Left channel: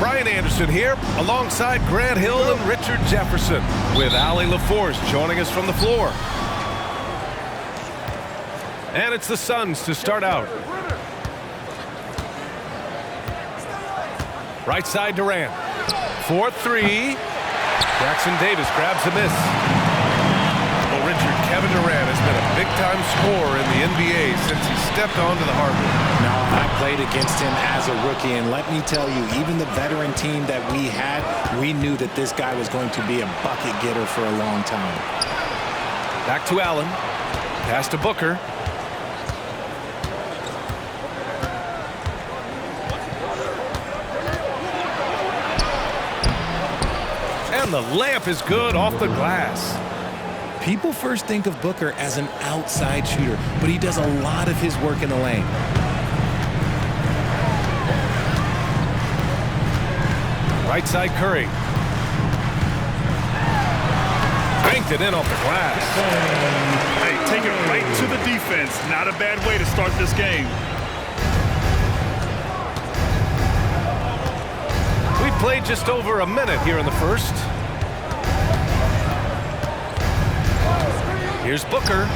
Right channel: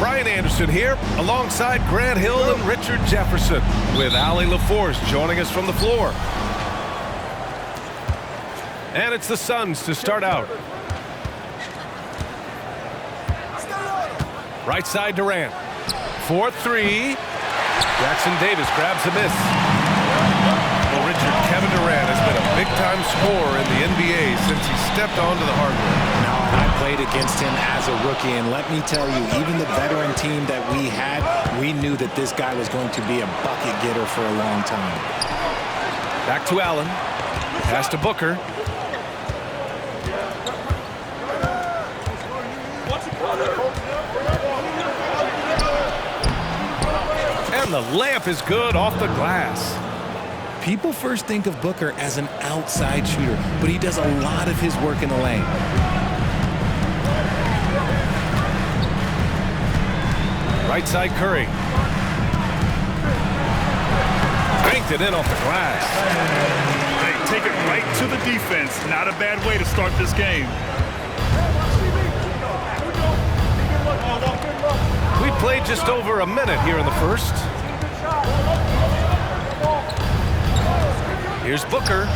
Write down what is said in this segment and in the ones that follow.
Brian Anderson here, alongside Grant Hill and Richard Jefferson, with Ali LaForce joining us from the floor. And it's the Suns to start out. Right side Durant. 4-3. Jackson Davis grabs a miss. Well, Richard, Kevin Durant has been a big-time scorer in the NBA since he stepped onto the hardwood. No, and I played against him as a rookie, and let me tell you, even the veteran team that we had, we knew that this guy was going to be a bucket getter for a long time. Back to Allen. Pass to Booker. And the layup is good off the glass. People first think of Booker as an outside shooter, but he does a lot of his work in the lane. Right side Curry. Banked it in off the glass. Hey, take it right to the defense. Not a bad way to start this game. We played just over a minute here in the first. Here's Booker.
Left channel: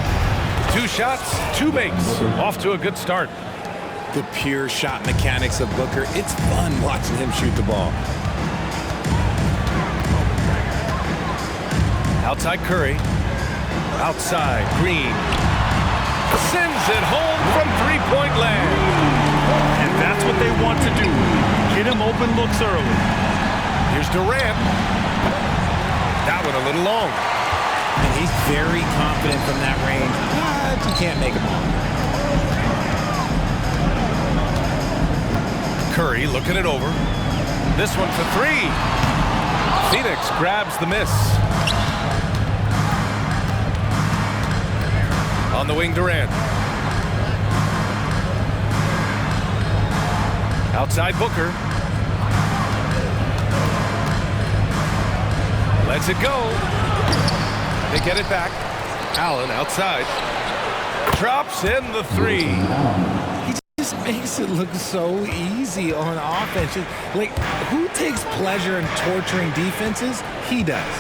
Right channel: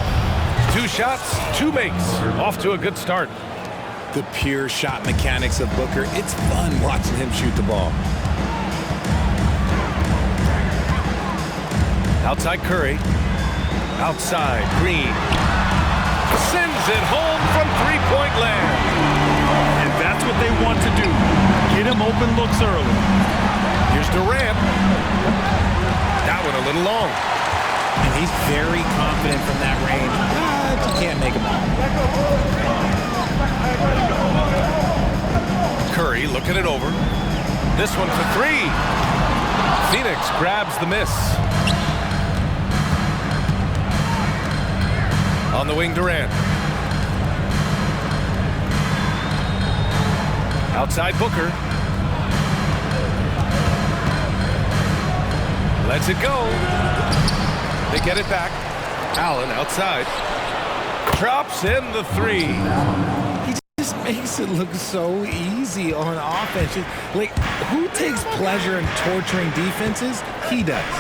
2 shots, 2 makes. Off to a good start. The pure shot mechanics of Booker. It's fun watching him shoot the ball. Outside Curry. Outside Green. Sends it home from three-point land. And that's what they want to do. Get him open looks early. Here's Durant. That one a little long. And he's very confident from that range, but you can't make him all. Curry looking it over. This one for 3. Phoenix grabs the miss. On the wing, Durant. Outside Booker. Lets it go. They get it back. Allen outside. Drops in the 3. He just makes it look so easy on offense. Like, who takes pleasure in torturing defenses? He does.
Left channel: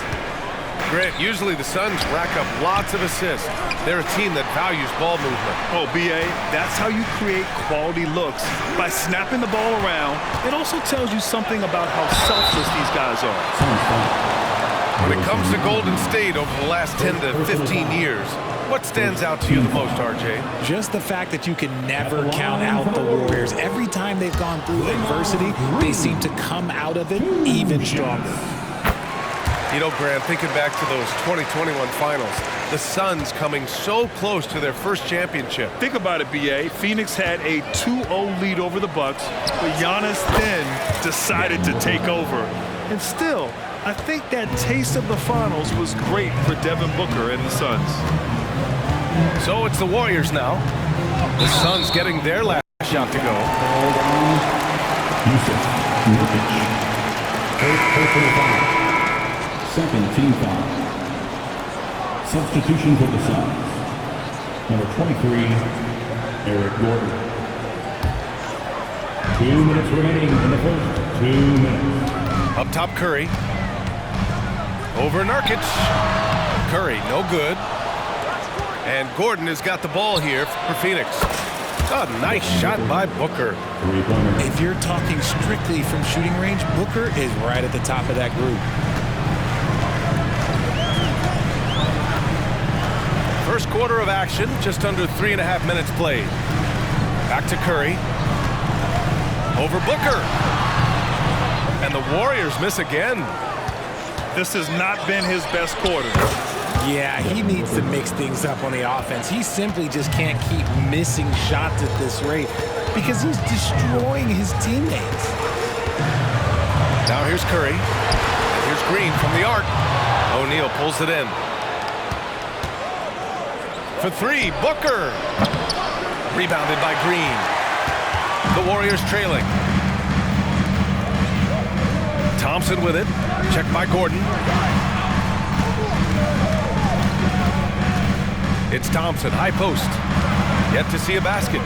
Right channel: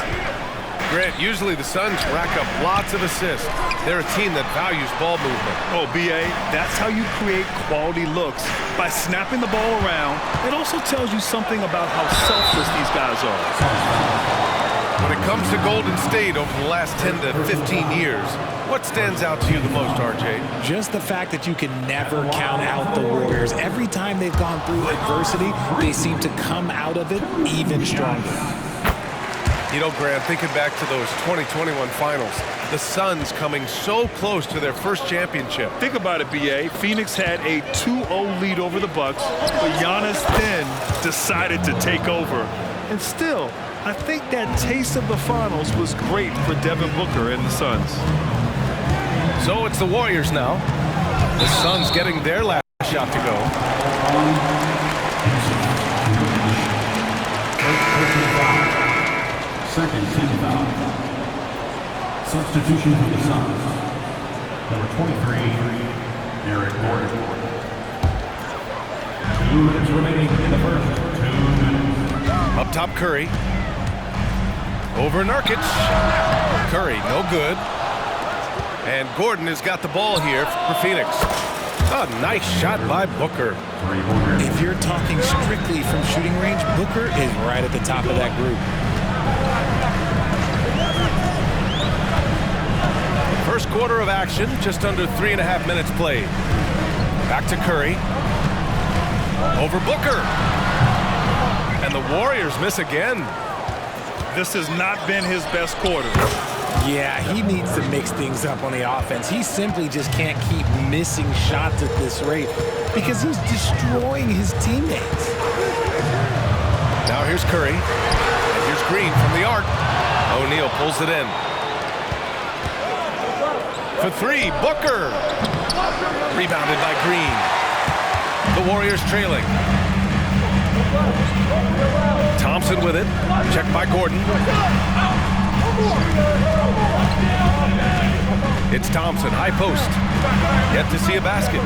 Grant, usually the Suns rack up lots of assists. They're a team that values ball movement. Oh, B.A., that's how you create quality looks, by snapping the ball around. It also tells you something about how selfless these guys are. When it comes to Golden State over the last 10 to 15 years, what stands out to you the most, RJ? Just the fact that you can never count out the Warriors. Every time they've gone through adversity, they seem to come out of it even stronger. You know, Grant, thinking back to those 2021 finals, the Suns coming so close to their first championship. Think about it, B.A. Phoenix had a 2-0 lead over the Bucks, but Giannis then decided to take over. And still, I think that taste of the finals was great for Devin Booker and the Suns. So it's the Warriors now. The Suns getting their last shot to go. Second team foul. Substitution for the Suns. Number 23, Eric Gordon. 2 minutes remaining in the first. 2 minutes. Up top, Curry. Over Nurkic. Curry, no good. And Gordon has got the ball here for Phoenix. A nice shot by Booker. If you're talking strictly from shooting range, Booker is right at the top of that group. First quarter of action, just under 3.5 minutes played. Back to Curry. Over Booker. And the Warriors miss again. This has not been his best quarter. Yeah, he needs to mix things up on the offense. He simply just can't keep missing shots at this rate because he's destroying his teammates. Now here's Curry. And here's Green from the arc. O'Neal pulls it in. For 3, Booker. Rebounded by Green. The Warriors trailing. Thompson with it. Checked by Gordon. It's Thompson, high post. Yet to see a basket.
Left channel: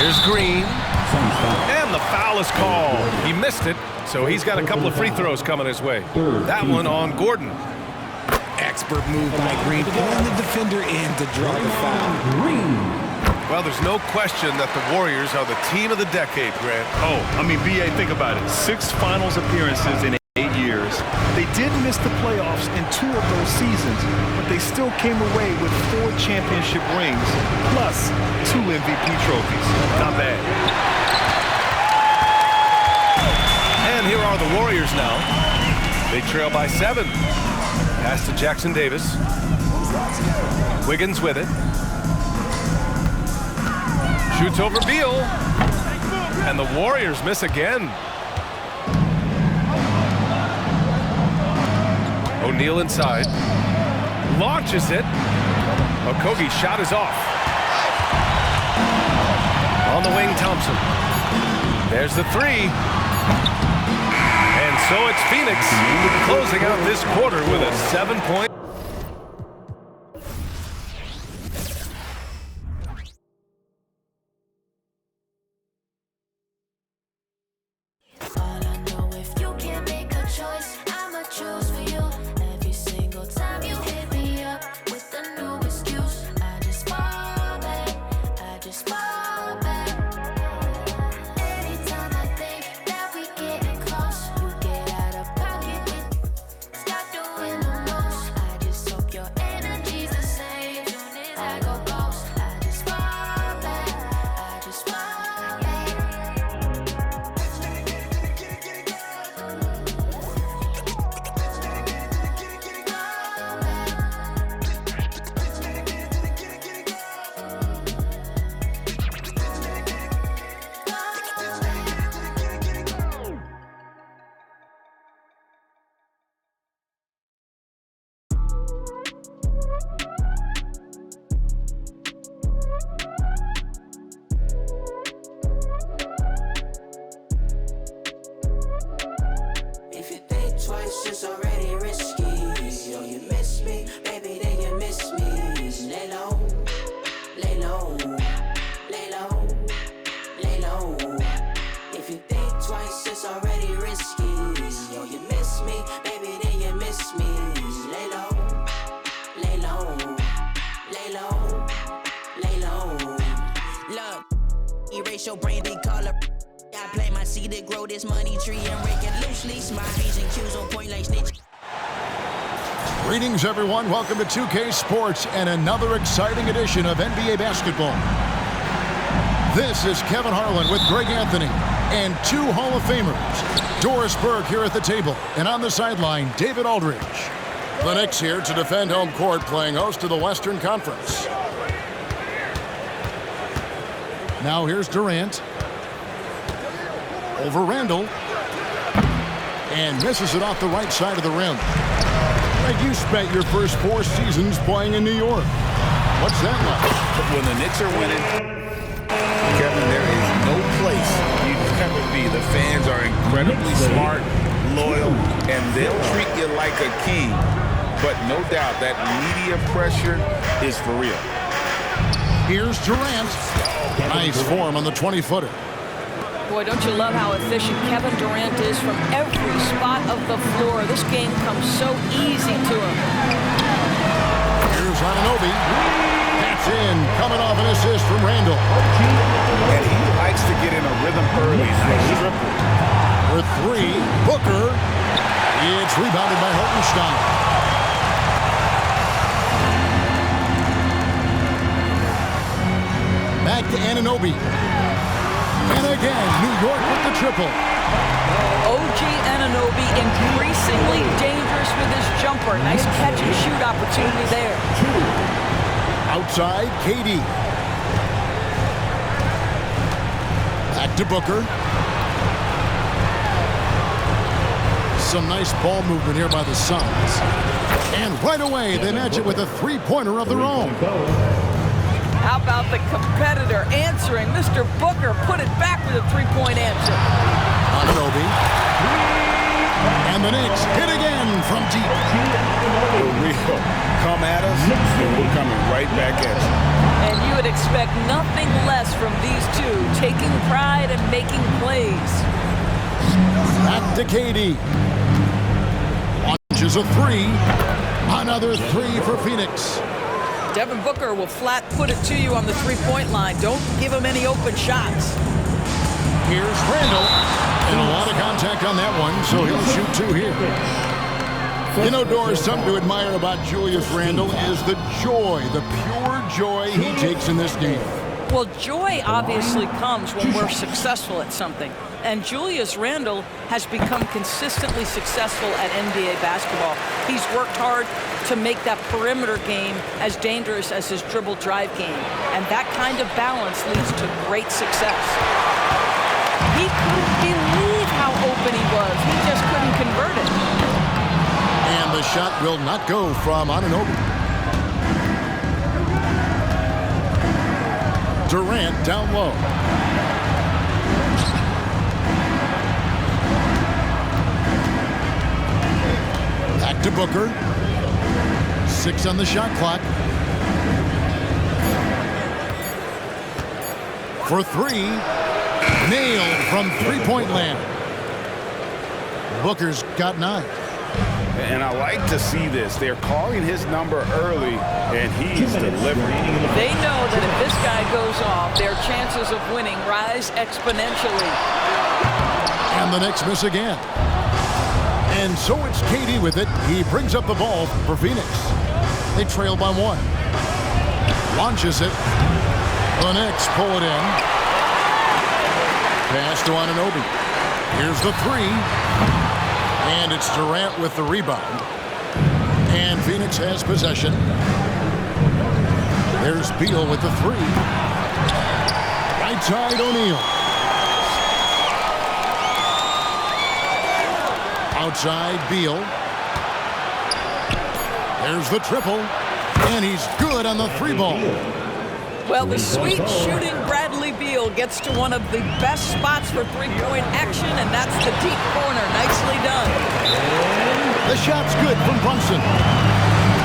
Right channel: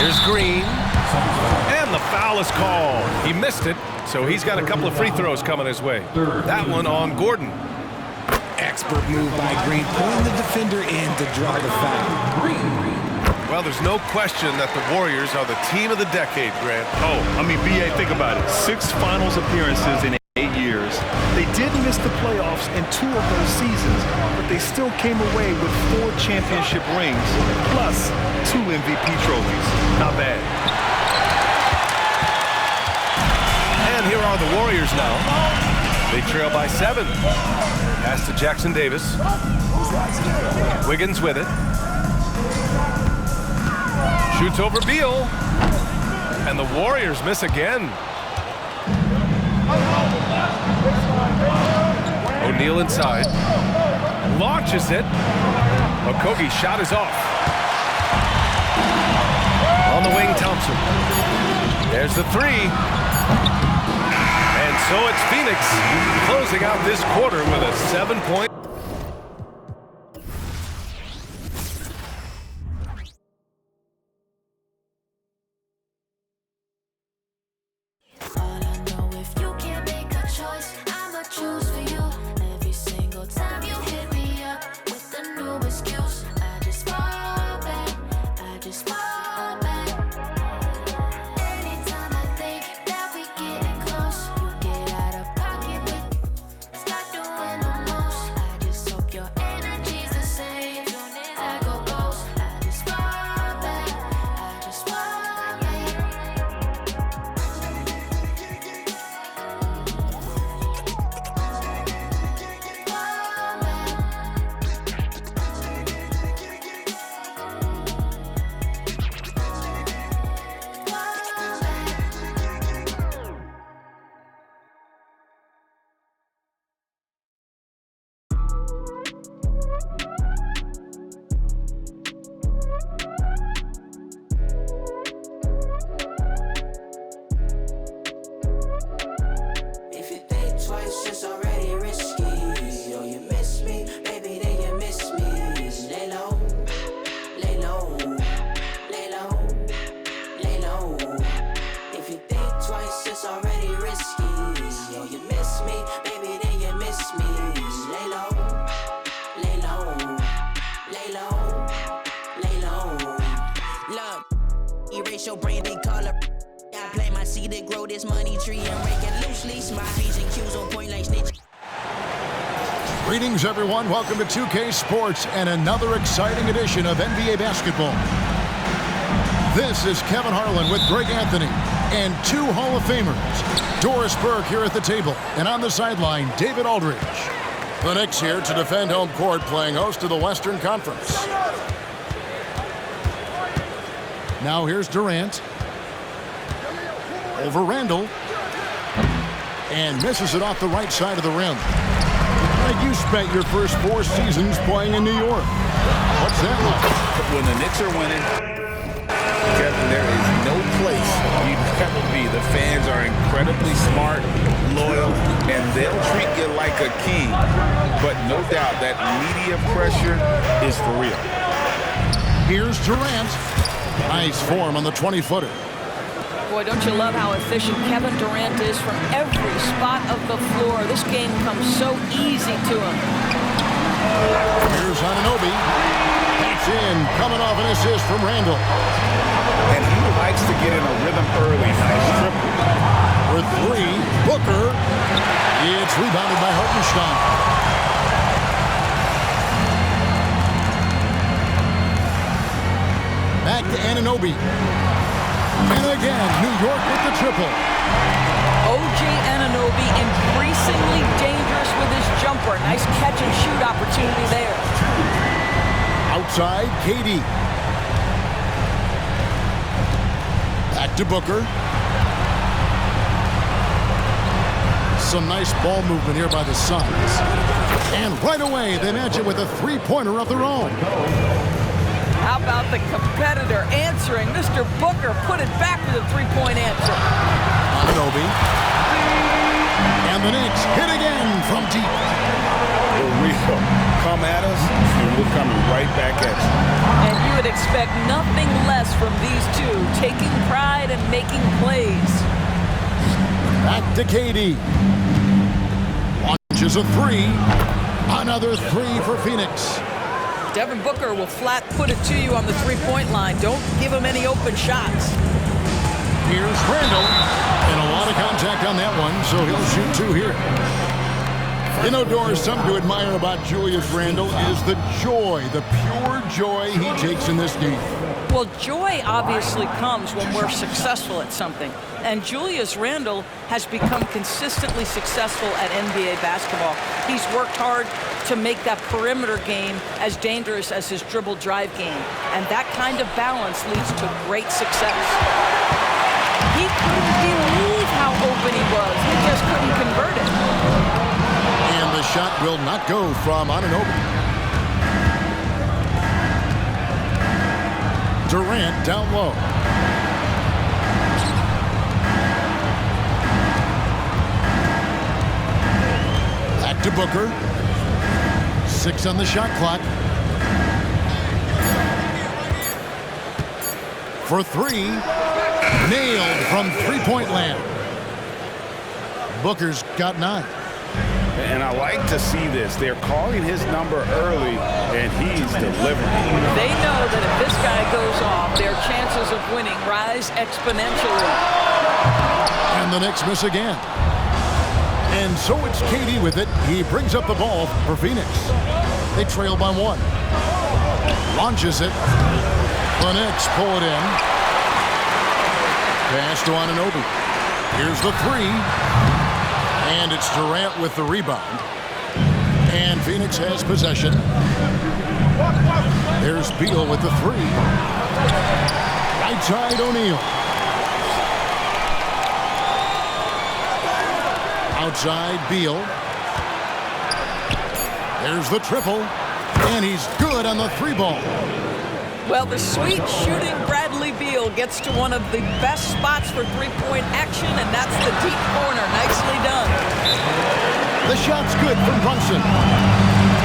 Here's Green. And the foul is called. He missed it, so he's got a couple of free throws coming his way. That one on Gordon. Expert move by Green, pulling the defender in to draw the foul. Well, there's no question that the Warriors are the team of the decade, Grant. Oh, I mean, B.A., think about it. 6 finals appearances in 8 years. They did miss the playoffs in 2 of those seasons, but they still came away with 4 championship rings, plus 2 MVP trophies. Not bad. And here are the Warriors now. They trail by 7. Pass to Jackson Davis. Wiggins with it. Shoots over Beal. And the Warriors miss again. O'Neal inside. Launches it. Okogie's shot is off. On the wing, Thompson. There's the 3. And so it's Phoenix closing out this quarter with a 7-point. All I know, if you can't make a choice, I'ma choose for you. Every single time you hit me up with a new excuse, I just fall back, I just fall back. Anytime I think that we getting close, you get out of pocket with, start doing the most. I just hope your energy's the same. Soon as I go ghost, I just fall back, I just fall back. If you think twice, it's already risky. Yo, you miss me, baby, then you miss me. Lay low, lay low, lay low, lay low. If you think twice, it's already risky. Yo, you miss me, baby, then you miss me. Lay low, lay low, lay low, lay low. Look, erase your brandy color. I play my seed to grow this money tree and rake it loosely. Smile P's and Q's on point like snitch. Greetings, everyone. Welcome to 2K Sports and another exciting edition of NBA basketball. This is Kevin Harlan with Greg Anthony and 2 Hall of Famers. Doris Burke here at the table, and on the sideline, David Aldridge. The Knicks here to defend home court, playing host to the Western Conference. Now here's Durant. Over Randall. And misses it off the right side of the rim. Greg, you spent your first 4 seasons playing in New York. What's that like? When the Knicks are winning, Kevin, there is no place you'd ever be. The fans are incredibly smart, loyal, and they'll treat you like a king. But no doubt that media pressure is for real. Here's Durant. Nice form on the 20-footer. Boy, don't you love how efficient Kevin Durant is from every spot of the floor. This game comes so easy to him. Here's Anunoby. That's in, coming off an assist from Randall. And he likes to get in a rhythm early. Nice triple. For 3, Booker. It's rebounded by Hartenstein. Back to Anunoby. And again, New York with the triple. OG Anunoby increasingly dangerous with his jumper. Nice catch and shoot opportunity there. Outside, KD. Back to Booker. Some nice ball movement here by the Suns. And right away, they match it with a 3-pointer of their own. How about the competitor answering? Mr. Booker put it back with a 3-point answer. Anunoby. And the Knicks hit again from deep. The real come at us, and we're coming right back at you. And you would expect nothing less from these two, taking pride and making plays. Back to KD. Launches a three. Another three for Phoenix. Devin Booker will flat put it to you on the three-point line. Don't give him any open shots. Here's Randall. And a lot of contact on that one, so he'll shoot two here. You know, Doris, something to admire about Julius Randle is the joy, the pure joy he takes in this game. Well, joy obviously comes when we're successful at something. And Julius Randle has become consistently successful at NBA basketball. He's worked hard to make that perimeter game as dangerous as his dribble drive game. And that kind of balance leads to great success. He couldn't believe how open he was. He just couldn't convert it. And the shot will not go from Anunoby. Durant down low. Back to Booker. 6 on the shot clock. For three. Nailed from three-point land. Booker's got 9. And I like to see this. They're calling his number early, and he's delivering. They know that if this guy goes off, their chances of winning rise exponentially. And the Knicks miss again. And so it's KD with it. He brings up the ball for Phoenix. They trail by 1. Launches it. The Knicks pull it in. Pass to Anunoby. Here's the three. And it's Durant with the rebound. And Phoenix has possession. There's Beal with the three. Right side, O'Neal. Outside, Beal. There's the triple. And he's good on the three ball. Well, the sweet shooting Bradley Beal gets to one of the best spots for three-point action, and that's the deep corner. Nicely done. The shot's good from Brunson.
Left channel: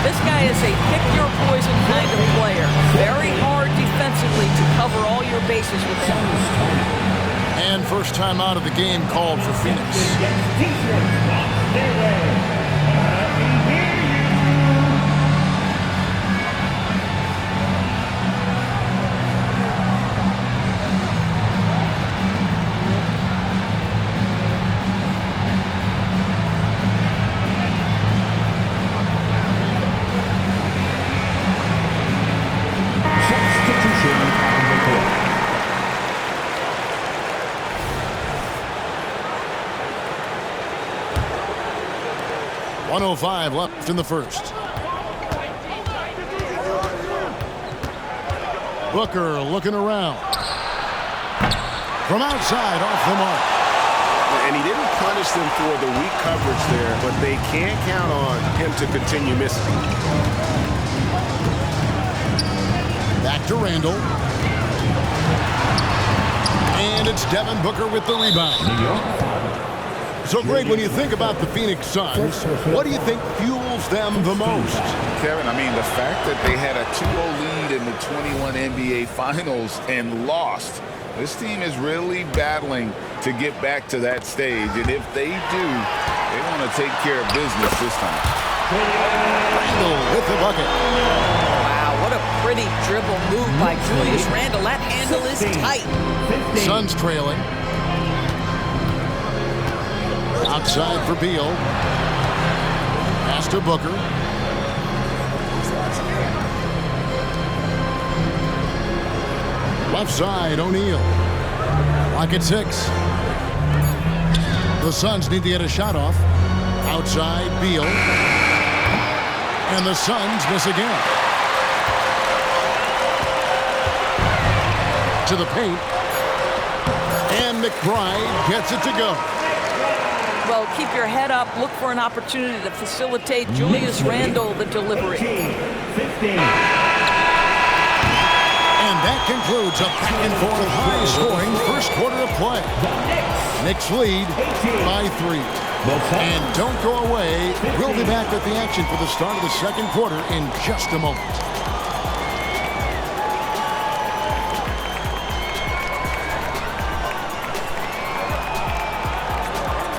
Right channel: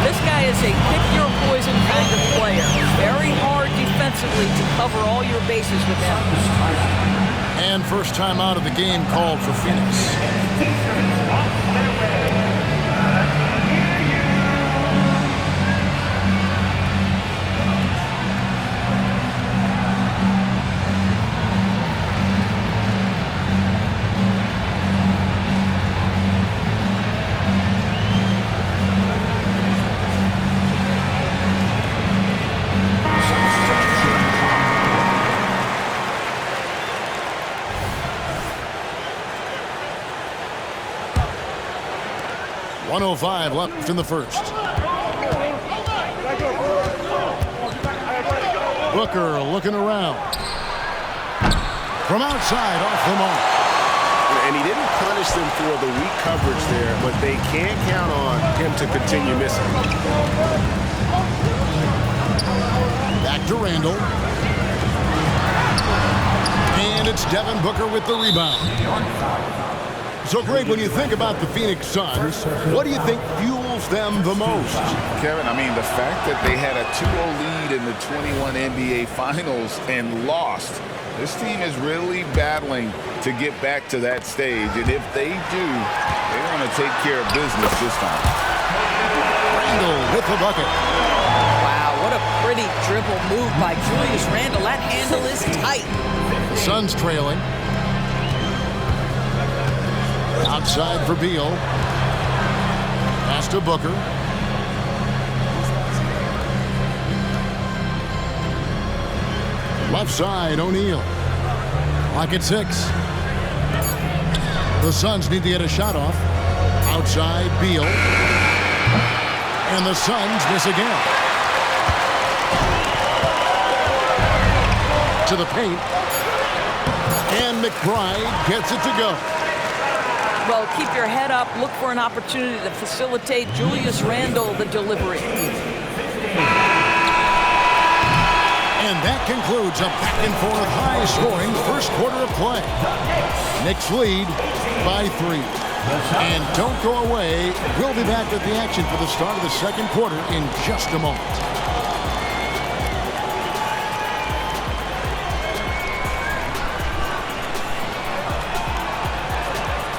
This guy is a pick-your-poison kind of player. Very hard defensively to cover all your bases with him. And first time out of the game called for Phoenix. .105 left in the first. Booker looking around. From outside, off the mark. And he didn't punish them for the weak coverage there, but they can't count on him to continue missing. Back to Randall. And it's Devin Booker with the rebound. So, Greg, when you think about the Phoenix Suns, what do you think fuels them the most? Kevin, I mean, the fact that they had a 2-0 lead in the 21 NBA Finals and lost. This team is really battling to get back to that stage. And if they do, they want to take care of business this time. Randall with the bucket. Wow, what a pretty dribble move by Julius Randle. That handle is tight. Suns trailing. Outside for Beal. Pass to Booker. Left side, O'Neal. Clock at 6. The Suns need to get a shot off. Outside, Beal. And the Suns miss again. To the paint. And McBride gets it to go. Well, keep your head up. Look for an opportunity to facilitate Julius Randle the delivery. And that concludes a back-and-forth high-scoring first quarter of play. Knicks lead by 3. And don't go away. We'll be back with the action for the start of the second quarter in just a moment.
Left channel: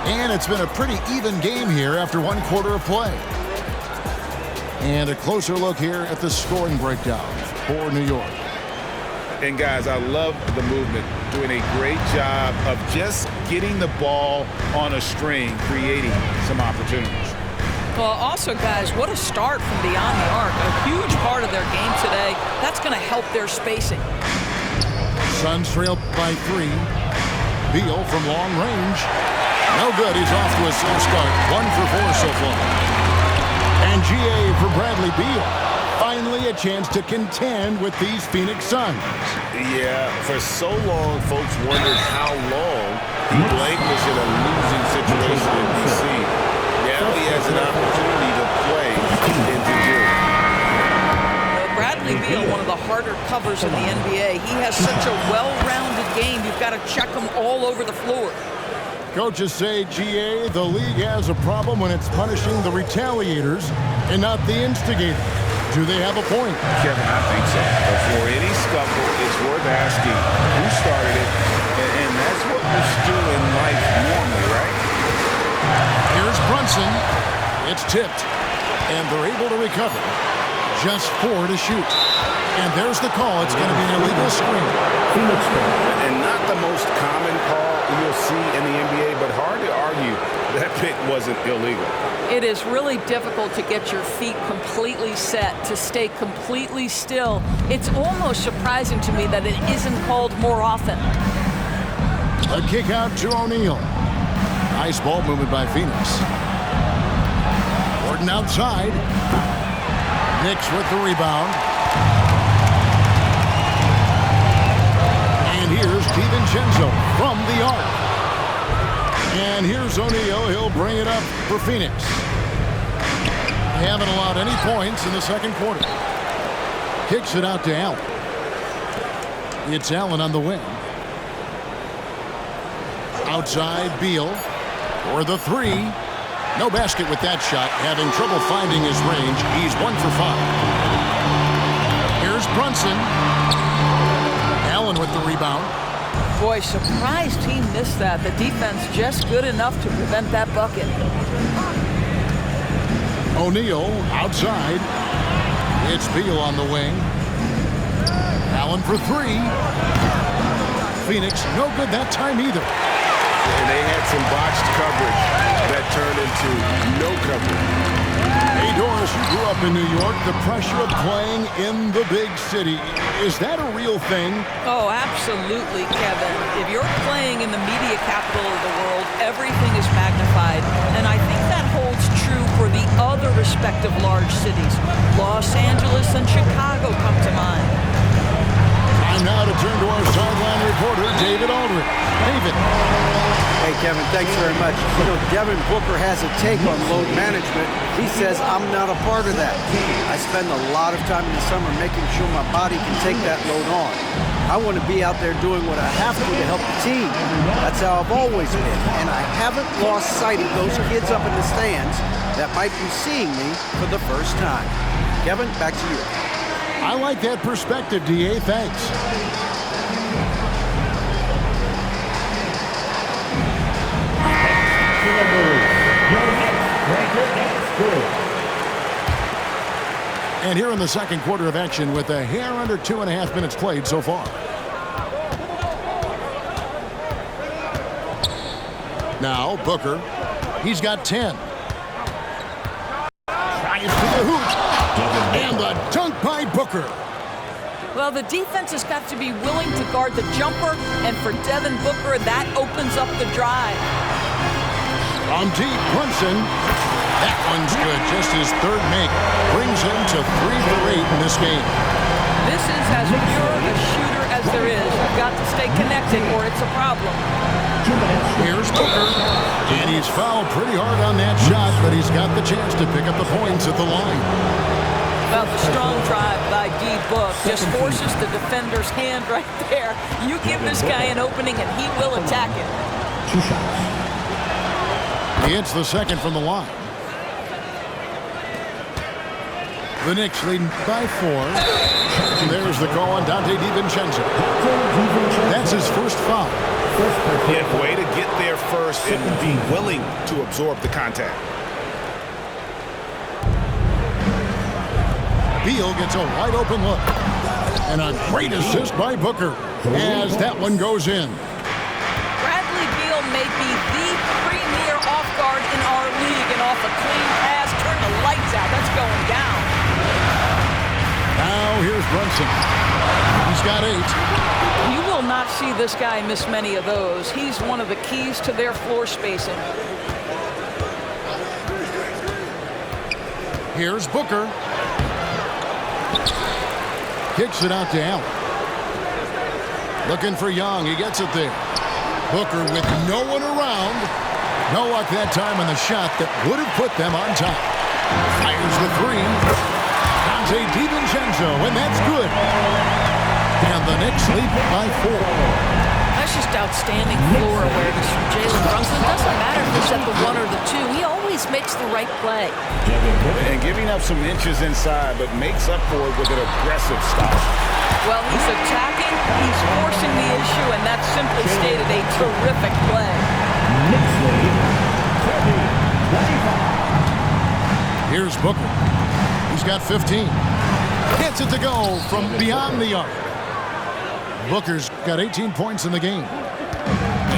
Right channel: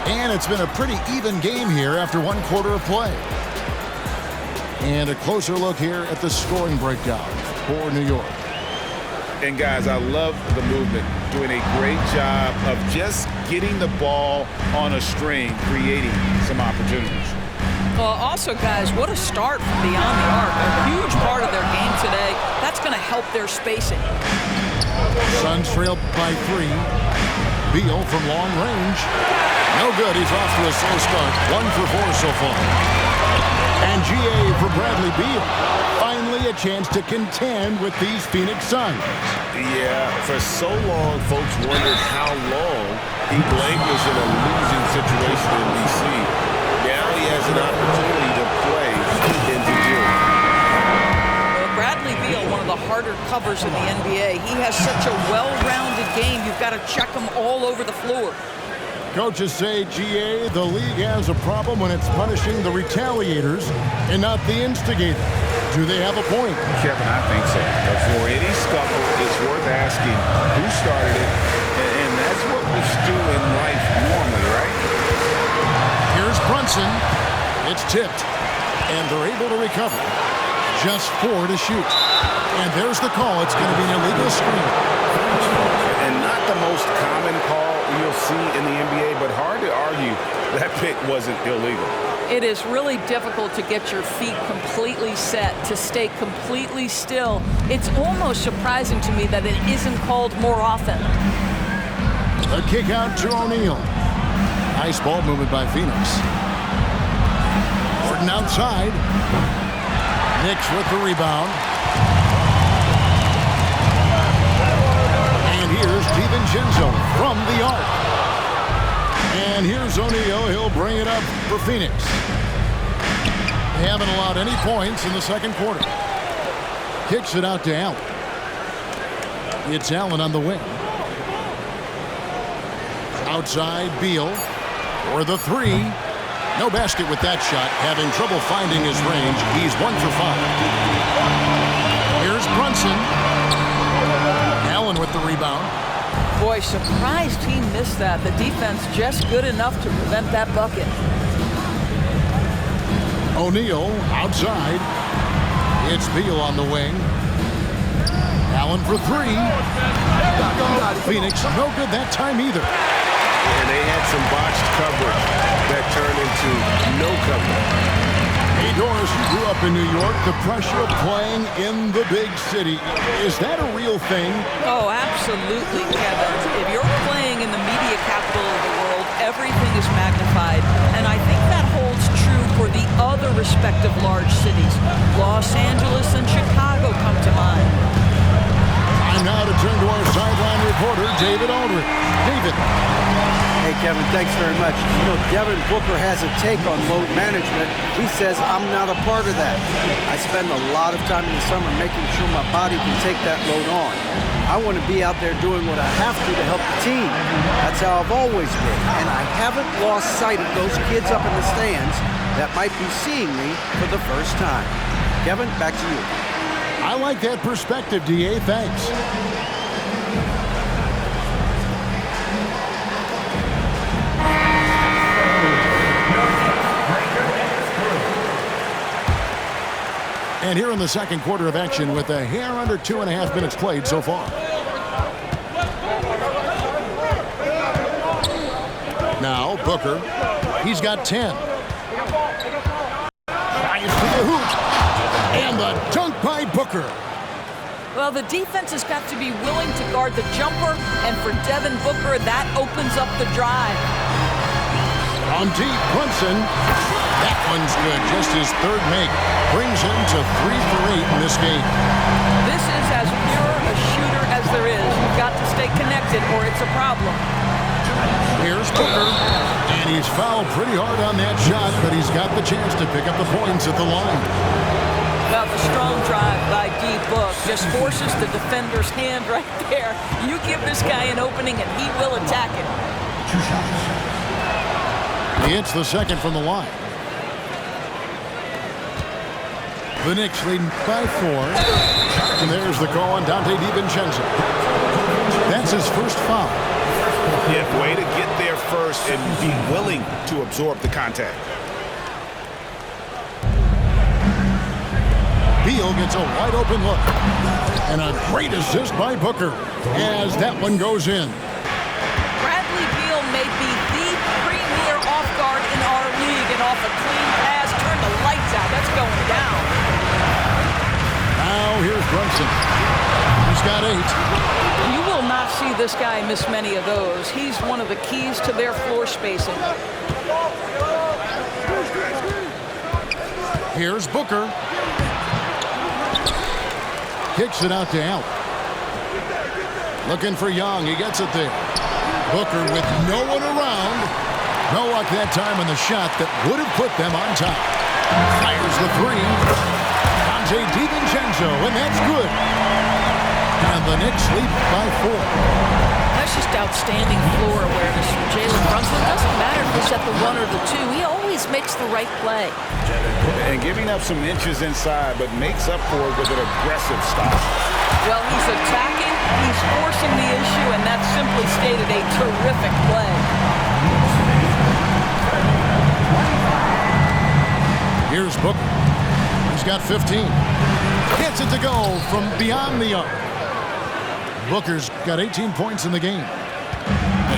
And it's been a pretty even game here after one quarter of play. And a closer look here at the scoring breakdown for New York. And guys, I love the movement, doing a great job of just getting the ball on a string, creating some opportunities. Well, also, guys, what a start from beyond the arc. A huge part of their game today. That's going to help their spacing. Suns trail by 3. Beal from long range. No good. He's off to a slow start. 1 for 4 so far. And GA for Bradley Beal. Finally a chance to contend with these Phoenix Suns. Yeah, for so long, folks wondered how long D-Blank was in a losing situation in D.C. Now he has an opportunity to play into June. Well, Bradley Beal, one of the harder covers in the NBA. He has such a well-rounded game. You've got to check him all over the floor. Coaches say, GA, the league has a problem when it's punishing the retaliators and not the instigators. Do they have a point? Kevin, I think so. Before any scuffle, it's worth asking who started it, and that's what we do in life normally, right? Here's Brunson. It's tipped, and they're able to recover. Just 4 to shoot. And there's the call. It's going to be an illegal screen. And not the most common call you'll see in the NBA, but hard to argue that pick wasn't illegal. It is really difficult to get your feet completely set, to stay completely still. It's almost surprising to me that it isn't called more often. A kick out to O'Neal. Nice ball movement by Phoenix. Gordon outside. Knicks with the rebound. And here's DiVincenzo from the arc. And here's O'Neal. He'll bring it up for Phoenix. They haven't allowed any points in the second quarter. Kicks it out to Allen. It's Allen on the wing. Outside, Beal for the 3. No basket with that shot. Having trouble finding his range. He's 1 for 5. Here's Brunson. Allen with the rebound. Boy, surprised he missed that. The defense just good enough to prevent that bucket. O'Neal outside. It's Beal on the wing. Allen for 3. Phoenix no good that time either. And they had some botched coverage that turned into no coverage. Hey, Doris, you grew up in New York. The pressure of playing in the big city, is that a real thing? Oh, absolutely, Kevin. If you're playing in the media capital of the world, everything is magnified. And I think that holds true for the other respective large cities. Los Angeles and Chicago come to mind. Time now to turn to our sideline reporter, David Aldridge. David. Hey, Kevin, thanks very much. You know, Devin Booker has a take on load management. He says, I'm not a part of that. I spend a lot of time in the summer making sure my body can take that load on. I want to be out there doing what I have to help the team. That's how I've always been. And I haven't lost sight of those kids up in the stands that might be seeing me for the first time. Kevin, back to you. I like that perspective, DA. Thanks. And here in the second quarter of action with a hair under 2.5 minutes played so far. Now Booker, he's got 10. Tries to the hoop. And the dunk by Booker. Well, the defense has got to be willing to guard the jumper, and for Devin Booker, that opens up the drive. From deep, Brunson. That one's good. Just his third make. Brings him to 3 for 8 in this game. This is as pure a shooter as there is. You've got to stay connected or it's a problem. Here's Booker. And he's fouled pretty hard on that shot, but he's got the chance to pick up the points at the line. Well, the strong drive by D-Book just forces the defender's hand right there. You give this guy an opening and he will attack it. 2 shots. He hits the second from the line. The Knicks leading by 4. And there's the call on Dante DiVincenzo. That's his first foul. Yeah, way to get there first and be willing to absorb the contact. Beal gets a wide open look. And a great assist by Booker as that one goes in. Bradley Beal may be the premier off guard in our league, and off a clean pass, turn the lights out. That's going down. Now here's Brunson. He's got 8. You will not see this guy miss many of those. He's one of the keys to their floor spacing. Here's Booker. Kicks it out to Allen. Looking for Young. He gets it there. Booker with no one around. No luck that time on the shot that would have put them on top. Fires the 3. Dante DiVincenzo, and that's good. And the Knicks lead by 4. That's just outstanding floor awareness from Jalen Brunson. Doesn't matter if it's at the 1 or the 2. He always makes the right play. And giving up some inches inside, but makes up for it with an aggressive stop. Well, he's attacking, he's forcing the issue, and that's simply stated a terrific play. Here's Booker. He's got 15. Gets it to go from beyond the arc. Booker's got 18 points in the game.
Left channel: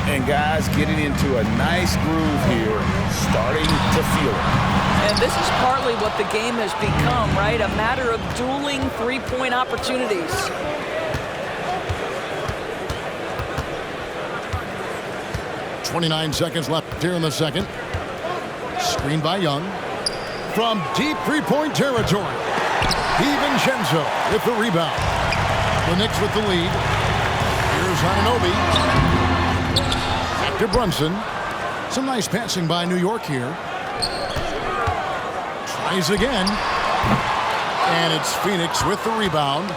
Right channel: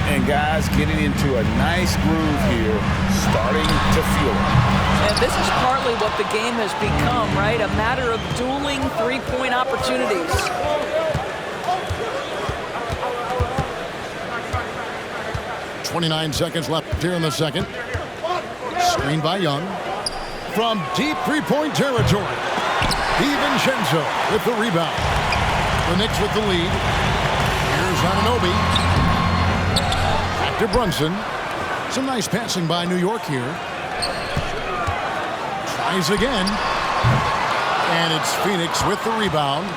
And guys getting into a nice groove here, starting to feel it. And this is partly what the game has become, right? A matter of dueling three-point opportunities. .29 seconds left here in the second. Screen by Young. From deep three-point territory. DiVincenzo with the rebound. The Knicks with the lead. Here's Anunoby. Back to Brunson. Some nice passing by New York here. Tries again. And it's Phoenix with the rebound.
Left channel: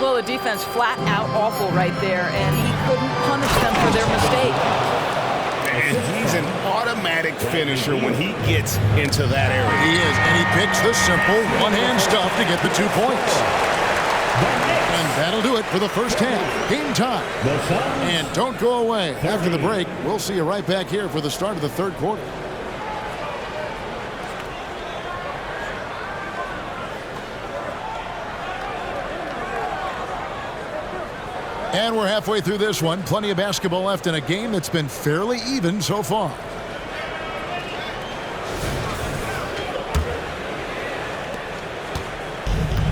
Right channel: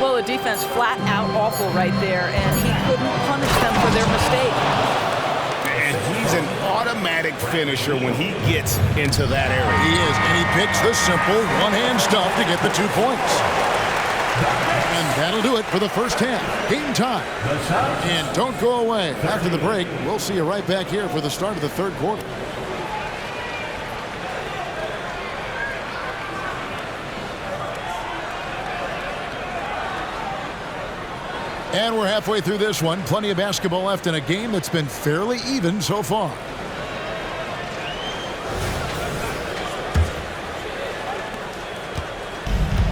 Well, the defense flat out awful right there, and he couldn't punish them for their mistake. And he's an automatic finisher when he gets into that area. He is, and he picks the simple one-hand stuff to get the 2 points. And that'll do it for the first half. Game time. And don't go away. After the break, we'll see you right back here for the start of the third quarter. And we're halfway through this one. Plenty of basketball left in a game that's been fairly even so far.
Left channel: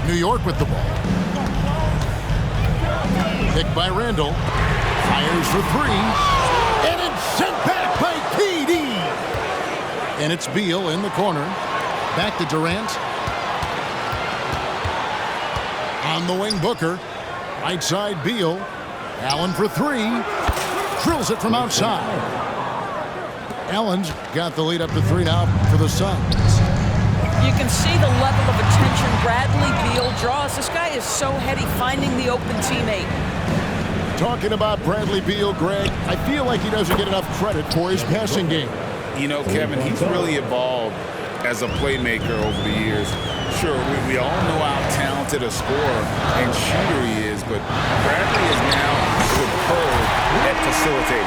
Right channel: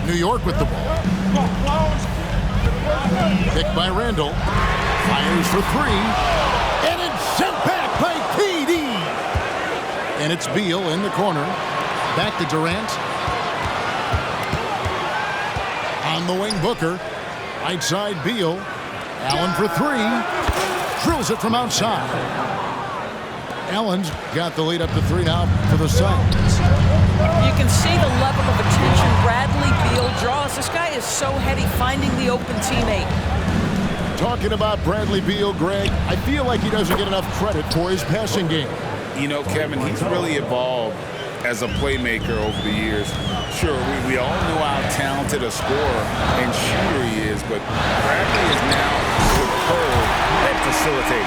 New York with the ball. Picked by Randall. Fires for 3. And it's sent back by KD. And it's Beal in the corner. Back to Durant. On the wing, Booker. Right side, Beal. Allen for 3. Drills it from outside. Allen's got the lead up to 3 now for the Suns. You can see the level of attention Bradley Beal draws. This guy is so heady finding the open teammate. Talking about Bradley Beal, Greg, I feel like he doesn't get enough credit for his passing game. You know, Kevin, he's really evolved as a playmaker over the years. Sure, we all know how talented a scorer and shooter he is, but Bradley is now superb at facilitating.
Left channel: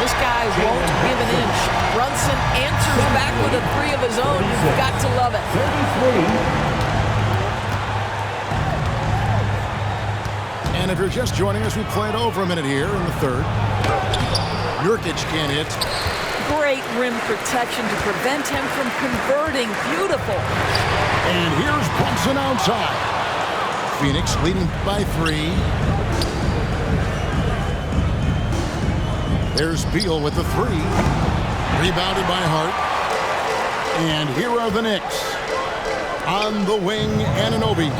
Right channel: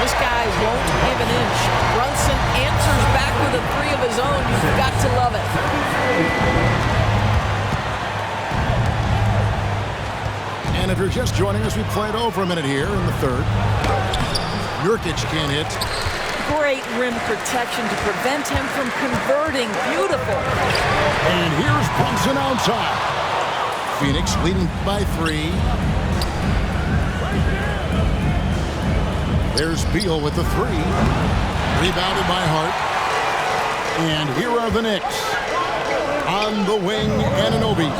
This guy won't give an inch. Brunson answers back with a 3 of his own. You've got to love it. And if you're just joining us, we played over a minute here in the third. Nurkic can't hit. Great rim protection to prevent him from converting. Beautiful. And here's Brunson outside. Phoenix leading by 3. There's Beal with the 3. Rebounded by Hart. And here are the Knicks. On the wing, Anunoby.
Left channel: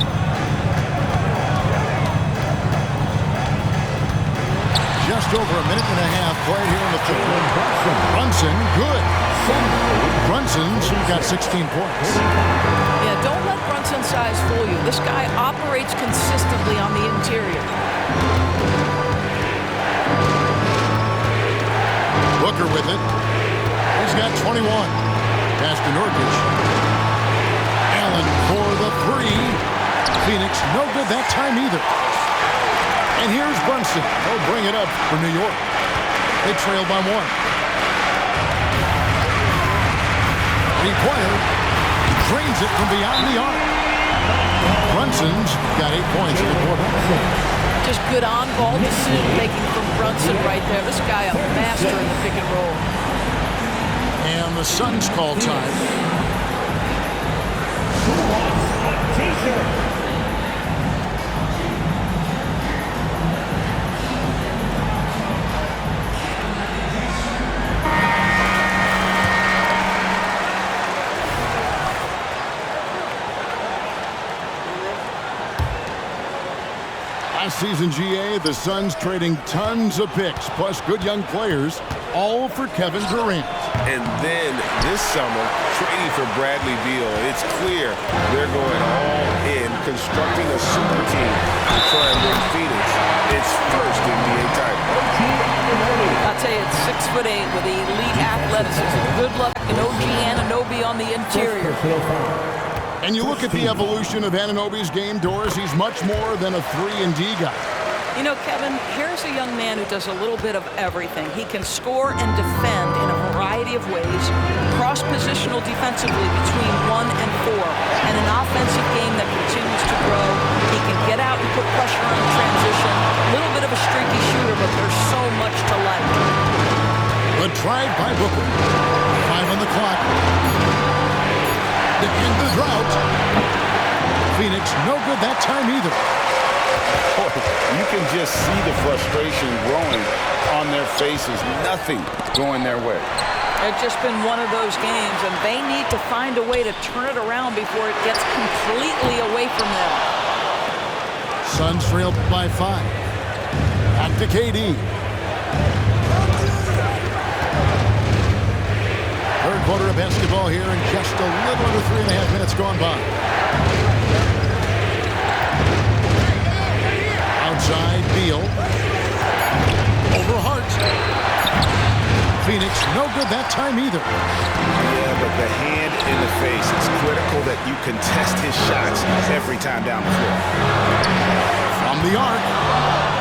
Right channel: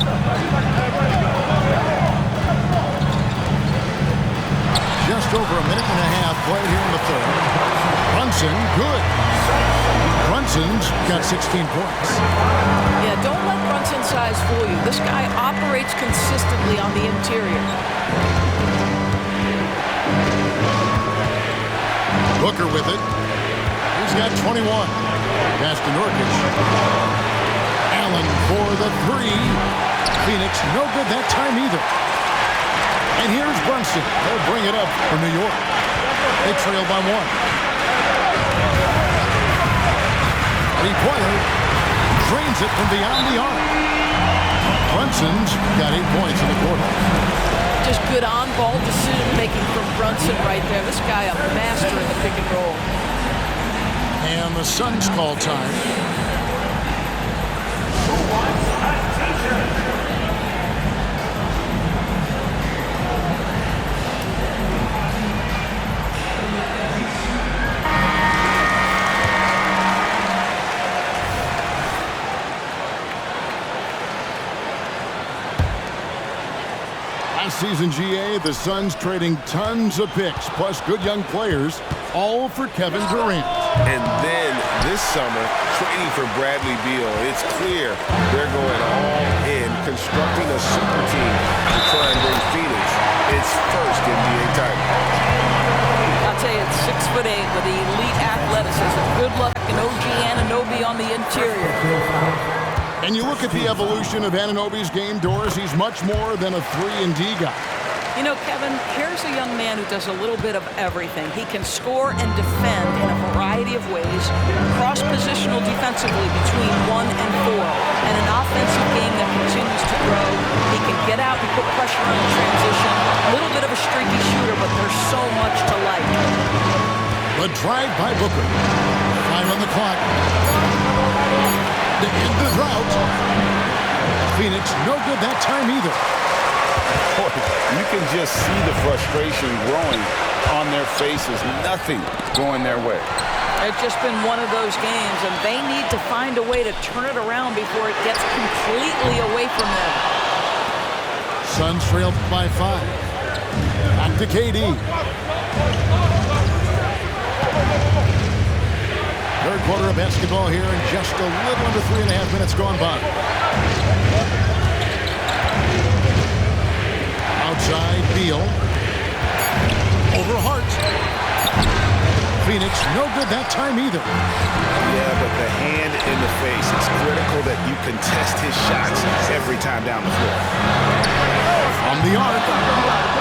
Just over a minute and a half played here in the third. Brunson, good. Brunson's got 16 points. Yeah, don't let Brunson's size fool you. This guy operates consistently on the interior. Booker with it. He's got 21. Pass to Nurkic. Allen for the three. Phoenix, no good that time either. And here's Brunson. He'll bring it up for New York. They trail by 1. Three-pointer. Drains it from beyond the arc. Brunson's got 8 points in the quarter. Just good on-ball decision-making from Brunson right there. This guy a master in the pick and roll. And the Suns call time. Last season, GA, the Suns trading tons of picks, plus good young players, all for Kevin Durant. And then this summer, trading for Bradley Beal. It's clear they're going all in, constructing a super team to try and bring Phoenix its first NBA title. I'll tell you, it's 6'8" with elite athleticism. Good luck and OG Anunoby on the interior. And you look at the evolution of Anunoby's game, Doris, he's much more than a 3-and-D guy. You know, Kevin, here's a young man who does a little bit of everything. He can score and defend in a variety of ways, cross-positional defensively between 1 and 4, and an offensive game that continues to grow. He can get out and put pressure on the transition. A little bit of a streaky shooter, but there's so much to like. The drive by Booker. 5 on the clock. To end the drought. Phoenix, no good that time either. Boy, you can just see the frustration growing on their faces. Nothing going their way. It's just been one of those games, and they need to find a way to turn it around before it gets completely away from them. Suns trailed by 5. Back to KD. Third quarter of basketball here, and just a little under 3.5 minutes gone by. Outside, Beal. Over Hart. Phoenix, no good that time either. Yeah, but the hand in the face. It's critical that you contest his shots every time down the floor. From the arc,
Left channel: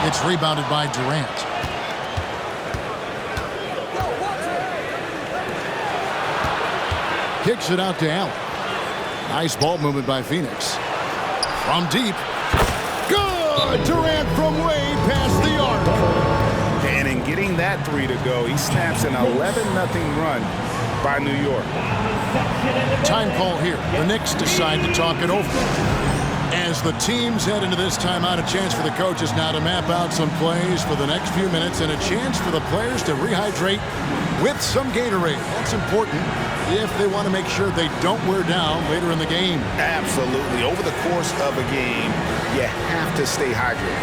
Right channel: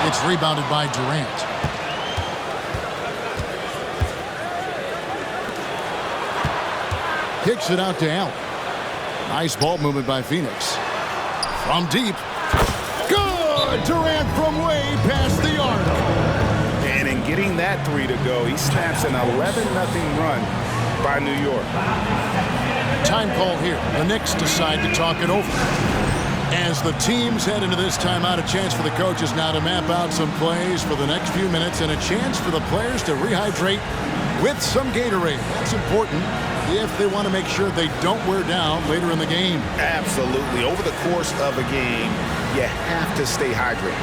it's rebounded by Durant. Kicks it out to Allen. Nice ball movement by Phoenix. From deep. Good! Durant from way past the arc. And in getting that three to go, he snaps an 11-0 run by New York. Time call here. The Knicks decide to talk it over. As the teams head into this timeout, a chance for the coaches now to map out some plays for the next few minutes and a chance for the players to rehydrate with some Gatorade. That's important if they want to make sure they don't wear down later in the game. Absolutely. Over the course of a game, you have to stay hydrated.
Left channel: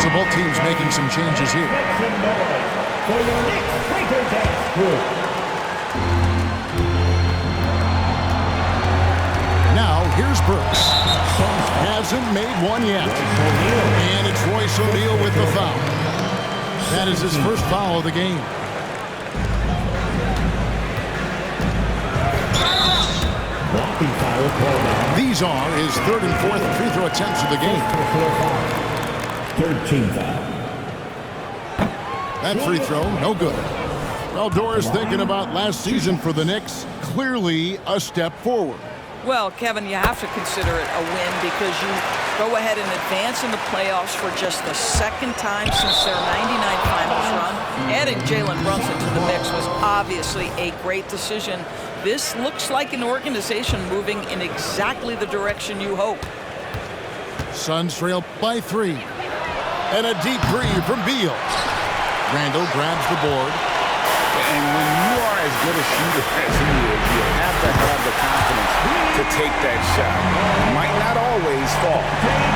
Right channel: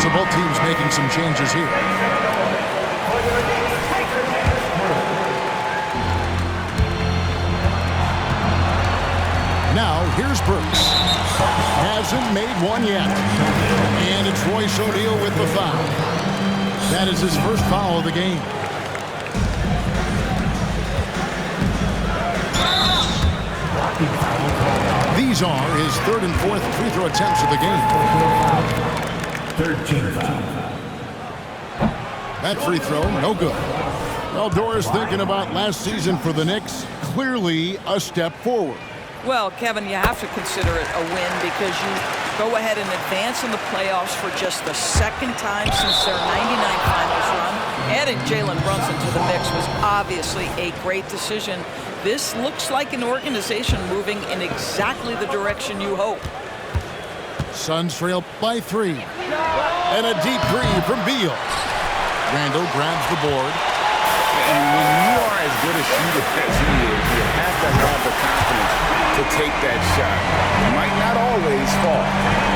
So both teams making some changes here. Now, here's Burks. Hasn't made one yet. And it's Royce O'Neal with the foul. That is his first foul of the game. These are his third and fourth free throw attempts of the game. Third team foul. That free throw, no good. Well, Doris, thinking about last season for the Knicks, clearly a step forward. Well, Kevin, you have to consider it a win because you go ahead and advance in the playoffs for just the second time since their 99 finals run. Adding Jalen Brunson to the mix was obviously a great decision. This looks like an organization moving in exactly the direction you hope. Suns trail by 3. And a deep three from Beal. Randall grabs the board. And when you are as good a shooter as he is, you have to have the confidence to take that shot. Might not always fall.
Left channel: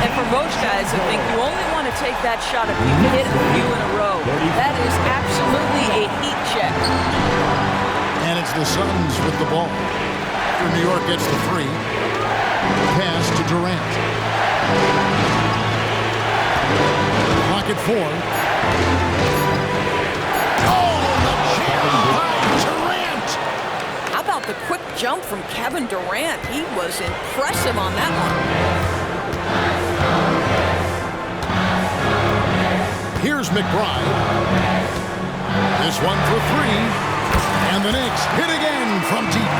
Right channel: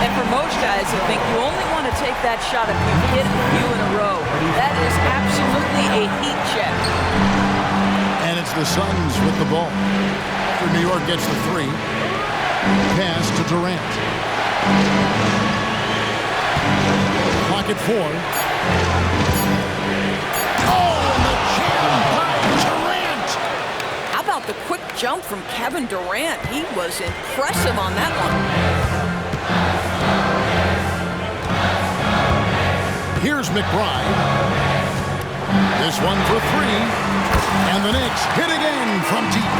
And for most guys, I think you only want to take that shot if you hit a few in a row. That is absolutely a heat check. And it's the Suns with the ball. After New York gets the 3. Pass to Durant. Clock at 4. Oh, and the jam by Durant. How about the quick jump from Kevin Durant? He was impressive on that one. Here's McBride. This one for 3. And the Knicks hit again from deep.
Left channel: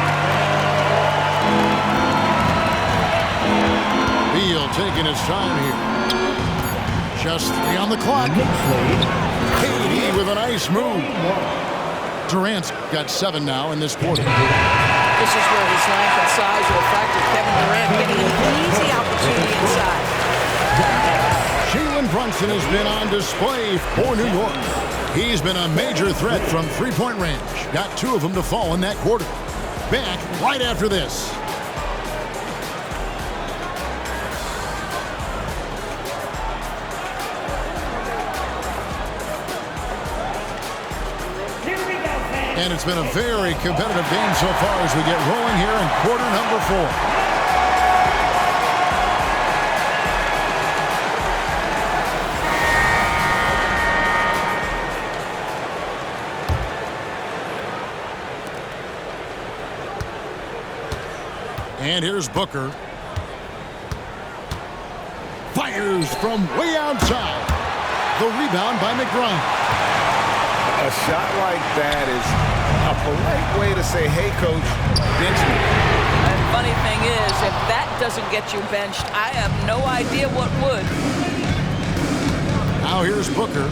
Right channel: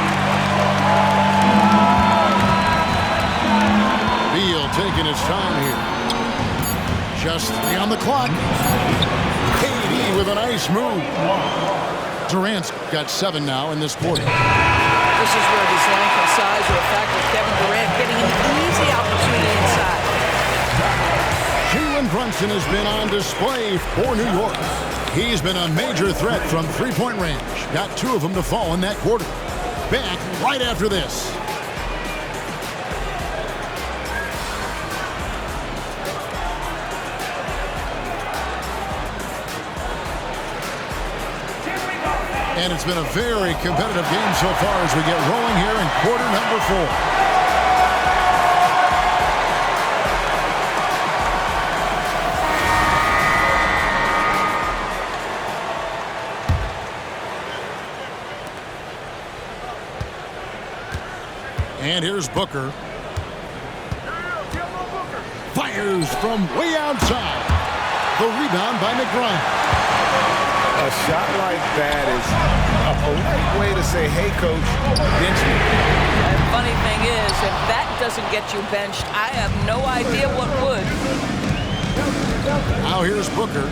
Beal taking his time here. Just 3 on the clock. KD with a nice move. Durant's got 7 now in this quarter. This is where his length and size are a factor. Kevin Durant getting an easy opportunity inside. Jalen Brunson has been on display for New York. He's been a major threat from three-point range. Got 2 of them to fall in that quarter. Back right after this. And it's been a very competitive game so far as we get rolling here in quarter number 4. And here's Booker. Fires from way outside. The rebound by McBride. A shot like that is a polite way to say, hey, coach, bench me. And funny thing is, if that doesn't get you benched, I have no idea what would. Now here's Booker.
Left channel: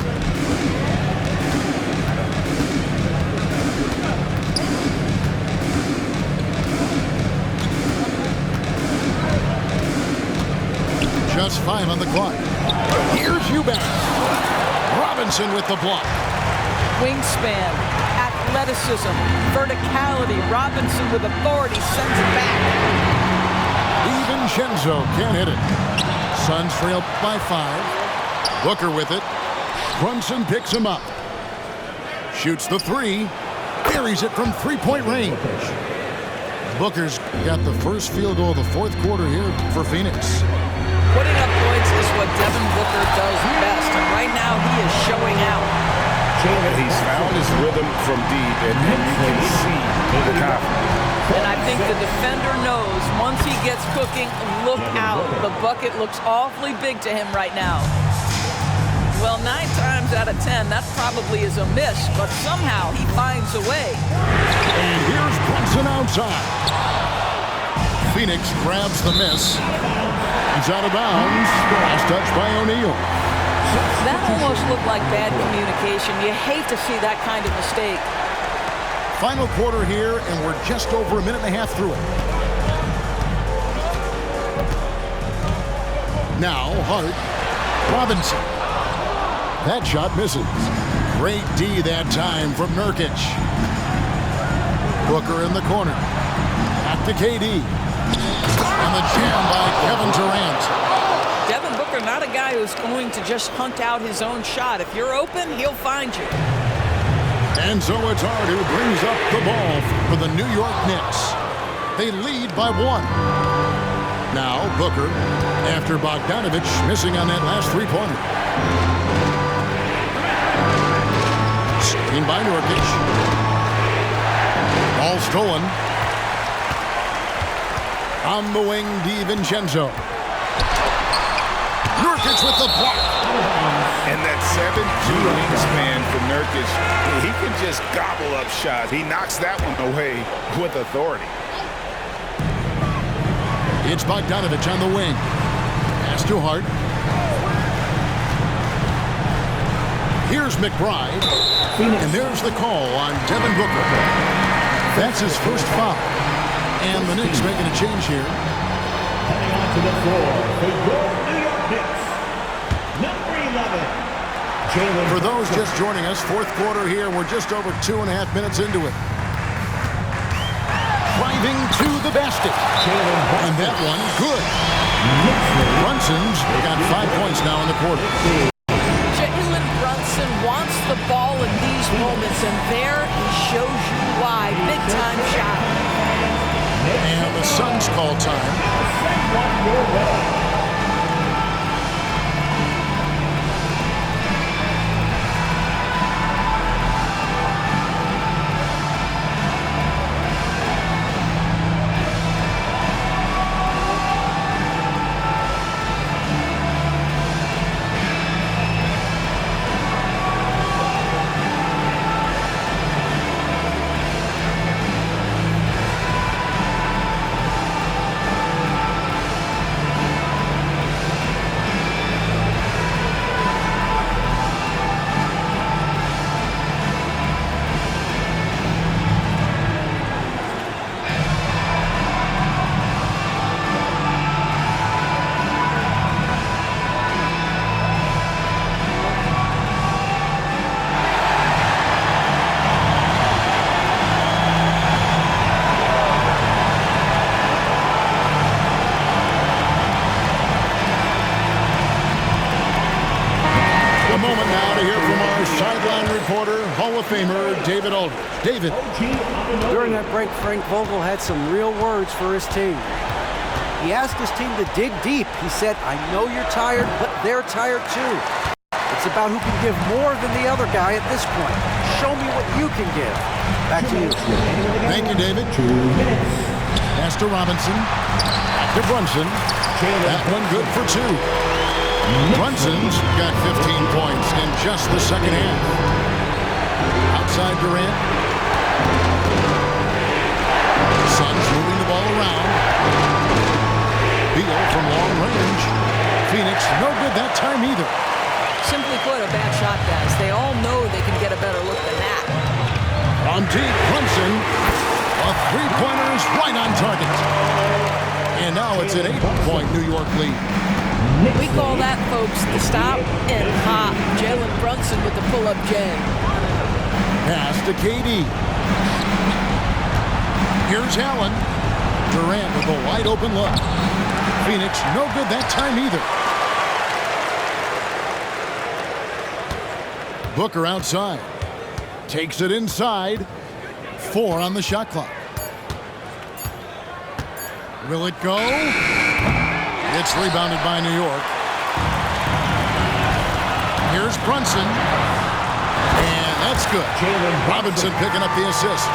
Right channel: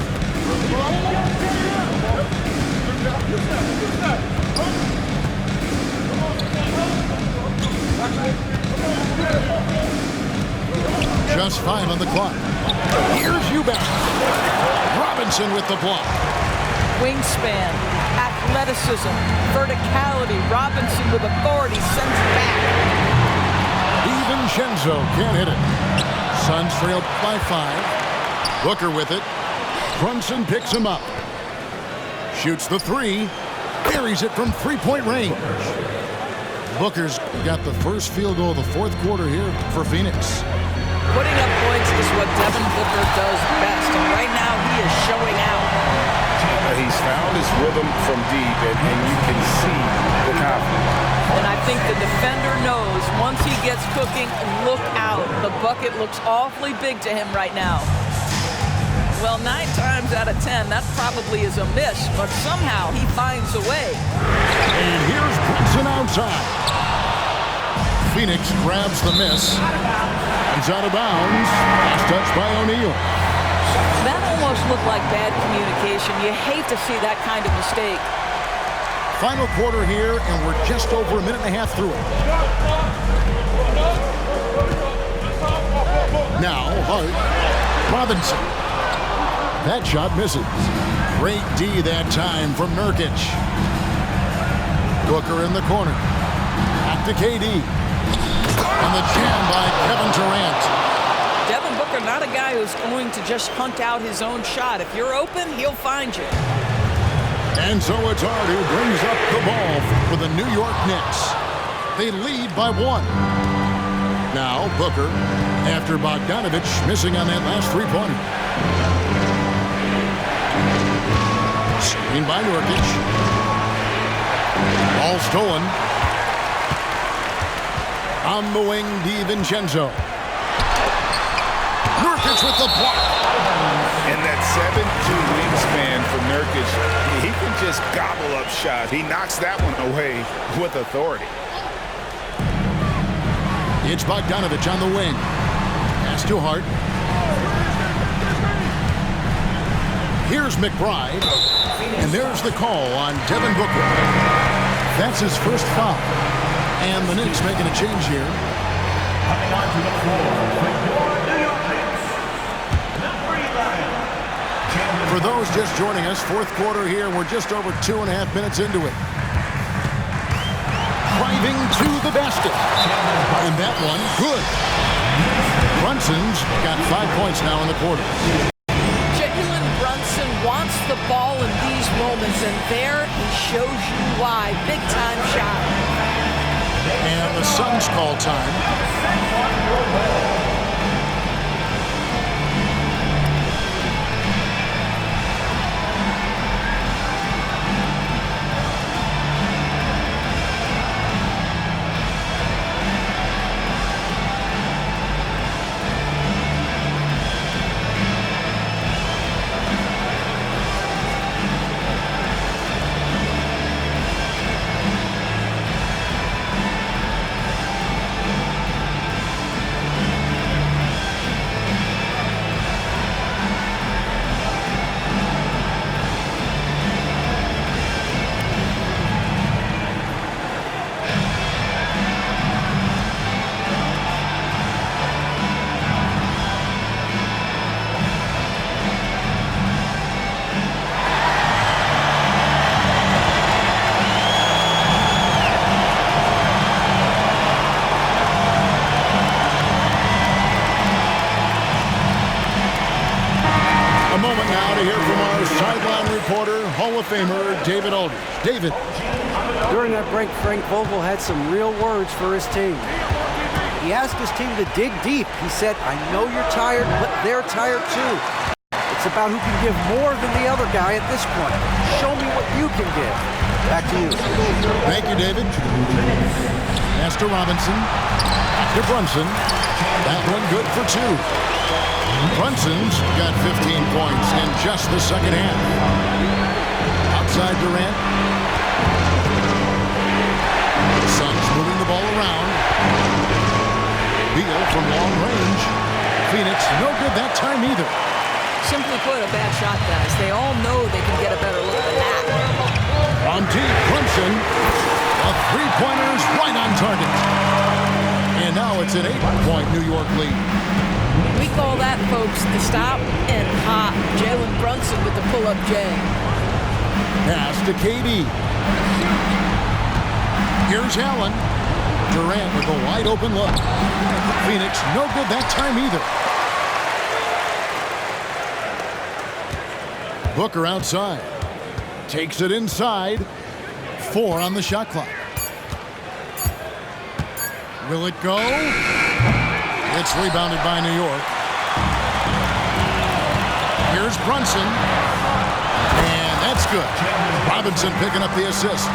Just 5 on the clock. Here's Eubanks. Robinson with the block. Wingspan, athleticism, verticality. Robinson with authority sends it back. DiVincenzo can't hit it. Suns trail by 5. Booker with it. Brunson picks him up. Shoots the 3. Buries it from three-point range. Booker's got the first field goal of the fourth quarter here for Phoenix. Putting up points is what Devin Booker does best, and right now he is showing out. He's found his rhythm from deep, and you can see the confidence. And I think the defender knows once he gets cooking, look out. The bucket looks awfully big to him right now. Well, 9 times out of 10, that probably is a miss, but somehow he finds a way. And here's Brunson outside. Phoenix grabs the miss. He's out of bounds. Last touch by O'Neal. That almost looked like bad communication. You hate to see that kind of mistake. Final quarter here, and we're just over a minute and a half through it. Now, Hart. Robinson. That shot misses. Great D that time from Nurkic. Booker in the corner. Back to KD. And the jam by Kevin Durant. Devin Booker, not a guy who's going to just hunt out his own shot. If you're open, he'll find you. And so it's Hart who brings up the ball for the New York Knicks. They lead by 1. Now Booker, after Bogdanovich missing on that last three-pointer. Screen by Nurkic. Ball stolen. On the wing, DiVincenzo. Nurkic with the block. And that 7'2" wingspan for Nurkic, he can just gobble up shots. He knocks that one away with authority. It's Bogdanovich on the wing. Pass to Hart. Here's McBride. And there's the call on Devin Booker. That's his first foul. And the Knicks making a change here. Coming onto the floor for your New York Knicks, number 11. For those just joining us, fourth quarter here. We're just over 2.5 minutes into it. Driving to the basket. And that one, good. Brunson's got 5 points now in the quarter. Jalen Brunson wants the ball in these moments, and there he shows you why. Big-time shot. And the Suns call time. A moment now to hear from our sideline reporter, Hall of Famer David Aldridge. David. During that break, Frank Vogel had some real words for his team. He asked his team to dig deep. He said, I know you're tired, but they're tired too. It's about who can give more than the other guy at this point. Show me what you can give. Back to you. Thank you, David. Pass to Robinson. Back to Brunson. That one good for 2. Brunson's got 15 points in just the second half. Outside Durant. Suns moving the ball around. Beal from long range. Phoenix no good that time either. Simply put, a bad shot, guys. They all know they can get a better look than that. From deep, Brunson. A three-pointer is right on target. And now it's an 8-point New York lead. We call that, folks, the stop and pop. Jalen Brunson with the pull-up J. Pass to KD. Here's Allen. Durant with a wide-open look. Phoenix no good that time either. Booker outside. Takes it inside. 4 on the shot clock. Will it go? It's rebounded by New York. Here's Brunson. And that's good. Robinson picking up the assist.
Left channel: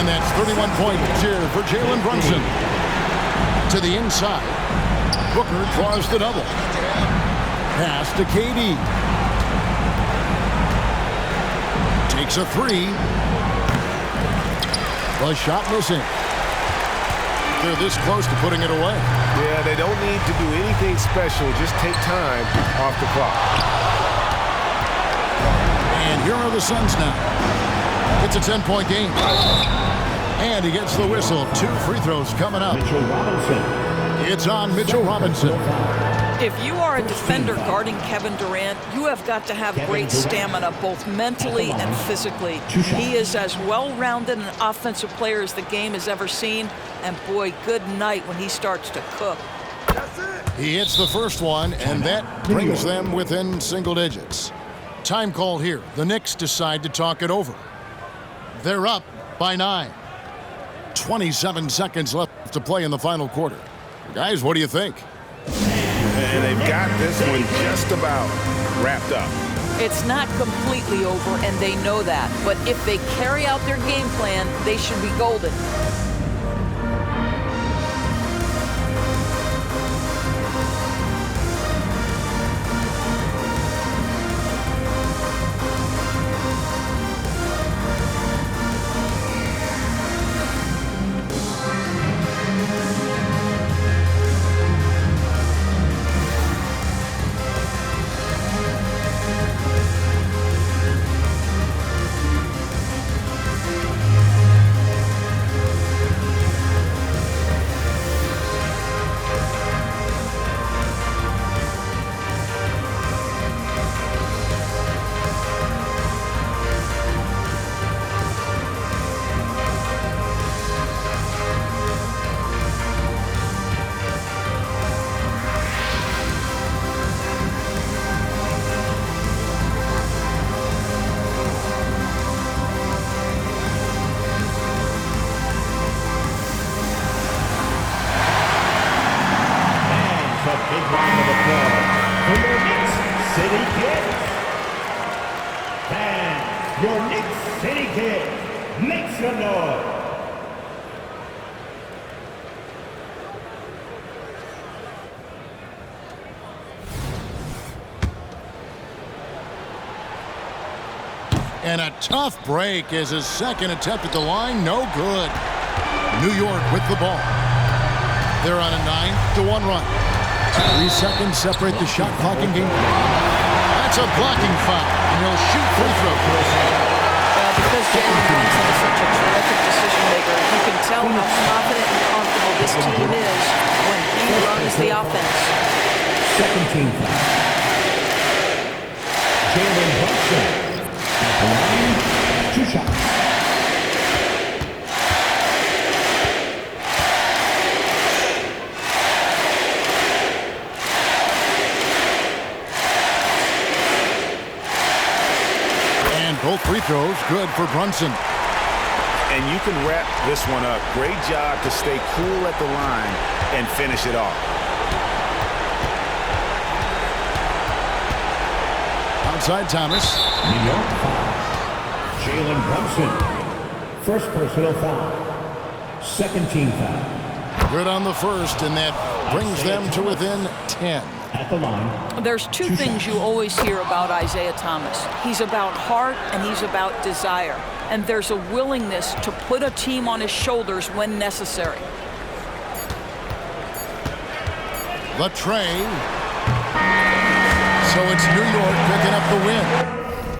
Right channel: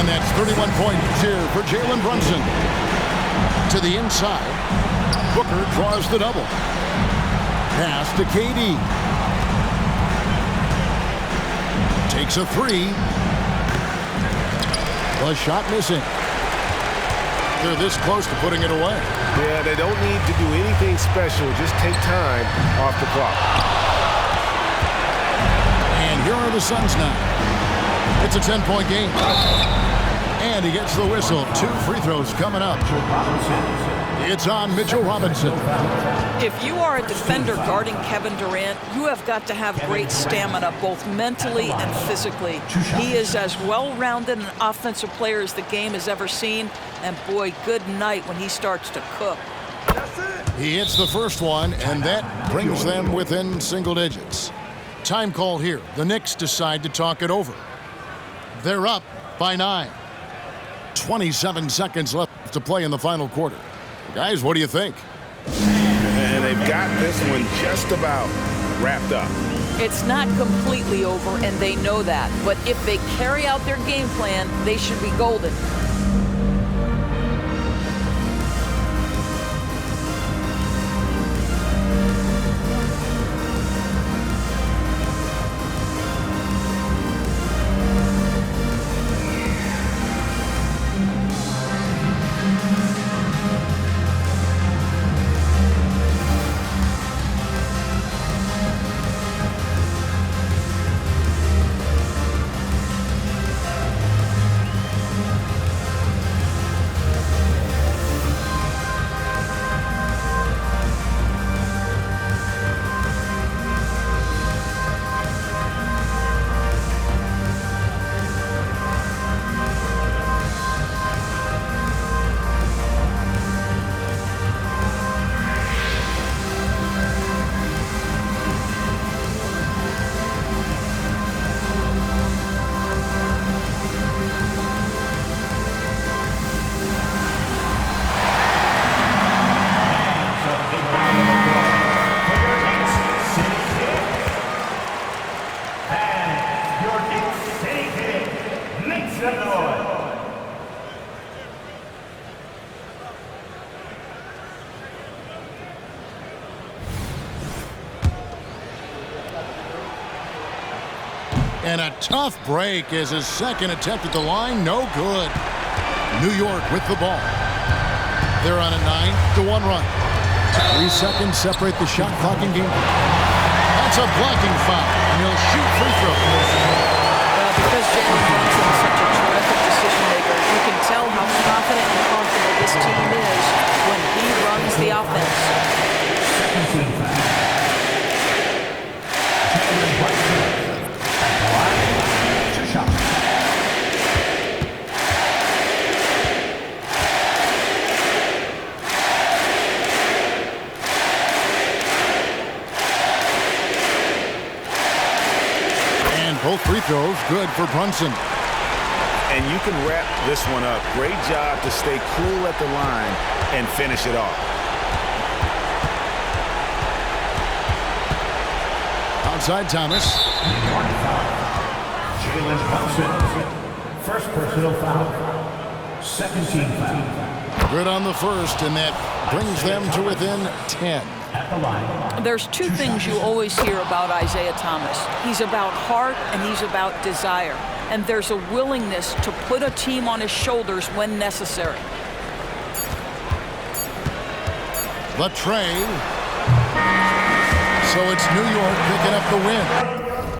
And that's 31 points here for Jalen Brunson. To the inside. Booker draws the double. Pass to KD. Takes a 3. The shot missing. They're this close to putting it away. Yeah, they don't need to do anything special. Just take time off the clock. And here are the Suns now. It's a 10-point game. And he gets the whistle. 2 free throws coming up. It's on Mitchell Robinson. If you are a defender guarding Kevin Durant, you have got to have great stamina, both mentally and physically. He is as well-rounded an offensive player as the game has ever seen. And boy, good night when he starts to cook. He hits the first one, and that brings them within single digits. Time call here. The Knicks decide to talk it over. They're up by 9. 27 seconds left to play in the final quarter. Guys, what do you think? And they've got this one just about wrapped up. It's not completely over, and they know that. But if they carry out their game plan, they should be golden. And a tough break as his second attempt at the line, no good. New York with the ball. They're on a 9-1 run. 3 seconds separate the shot clock and game. That's a blocking foul, and he'll shoot free throw. Well, because Jalen Brunson is such a terrific decision maker, you can tell how confident and comfortable this team is when he runs the offense. Second team foul. Jalen Brunson at the line, 2 shots. And both free throws good for Brunson. And you can wrap this one up. Great job to stay cool at the line and finish it off. Outside Thomas. New York foul. Jalen Brunson. First personal foul. Second team foul. Good on the first, and that brings them to within 10. At the line. There's two things you always hear about Isaiah Thomas. He's about heart and he's about desire. And there's a willingness to put a team on his shoulders when necessary. The tray. So it's New York picking up the win.